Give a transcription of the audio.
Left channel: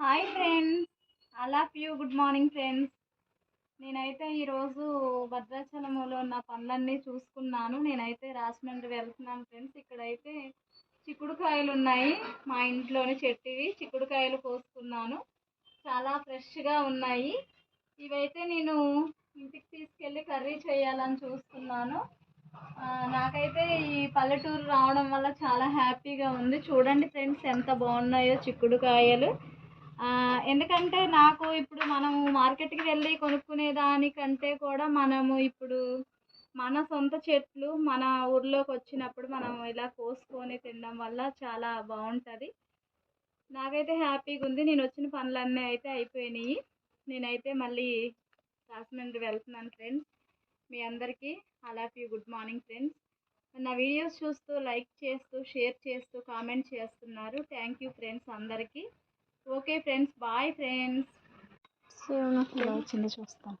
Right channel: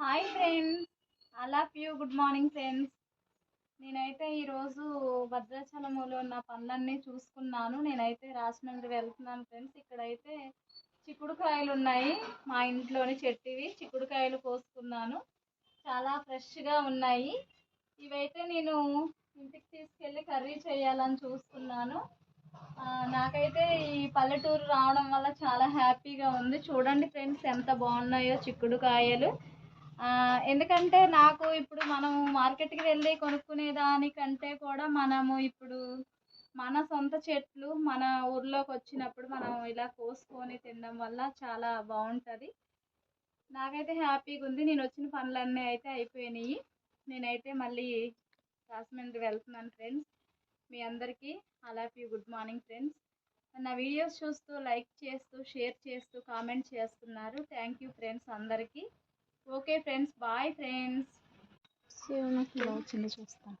Hi friends, I love you. Good morning friends. నేనైతే ఈరోజు భద్రాచలంలో ఉన్న పనులన్నీ చూసుకున్నాను. నేనైతే రాజమండ్రి వెళ్తున్నాను ఫ్రెండ్స్. ఇక్కడైతే చిక్కుడుకాయలు ఉన్నాయి, మా ఇంట్లోని చెట్టువి చిక్కుడుకాయలు కోసుకున్నాను. చాలా ఫ్రెష్గా ఉన్నాయి. ఇవైతే నేను ఇంటికి తీసుకెళ్ళి కర్రీ చేయాలని చూస్తున్నాను. నాకైతే ఈ పల్లెటూరు రావడం వల్ల చాలా హ్యాపీగా ఉంది. చూడండి ఫ్రెండ్స్, ఎంత బాగున్నాయో చిక్కుడుకాయలు. ఎందుకంటే నాకు ఇప్పుడు మనం మార్కెట్కి వెళ్ళి కొనుక్కునే దానికంటే కూడా మనము ఇప్పుడు మన సొంత చెట్లు మన ఊర్లోకి వచ్చినప్పుడు మనం ఇలా కోసుకొని తినడం వల్ల చాలా బాగుంటుంది. నాకైతే హ్యాపీగా ఉంది. నేను వచ్చిన పనులన్నీ అయితే అయిపోయినాయి. నేనైతే మళ్ళీ రాజమండ్రి వెళ్తున్నాను ఫ్రెండ్స్. మీ అందరికీ I love you. Good morning friends. నా వీడియోస్ చూస్తూ లైక్ చేస్తూ షేర్ చేస్తూ కామెంట్ చేస్తున్నారు. థ్యాంక్ యూ ఫ్రెండ్స్ అందరికీ. Okay friends, bye friends. ఇలా వచ్చిందో చూస్తాను.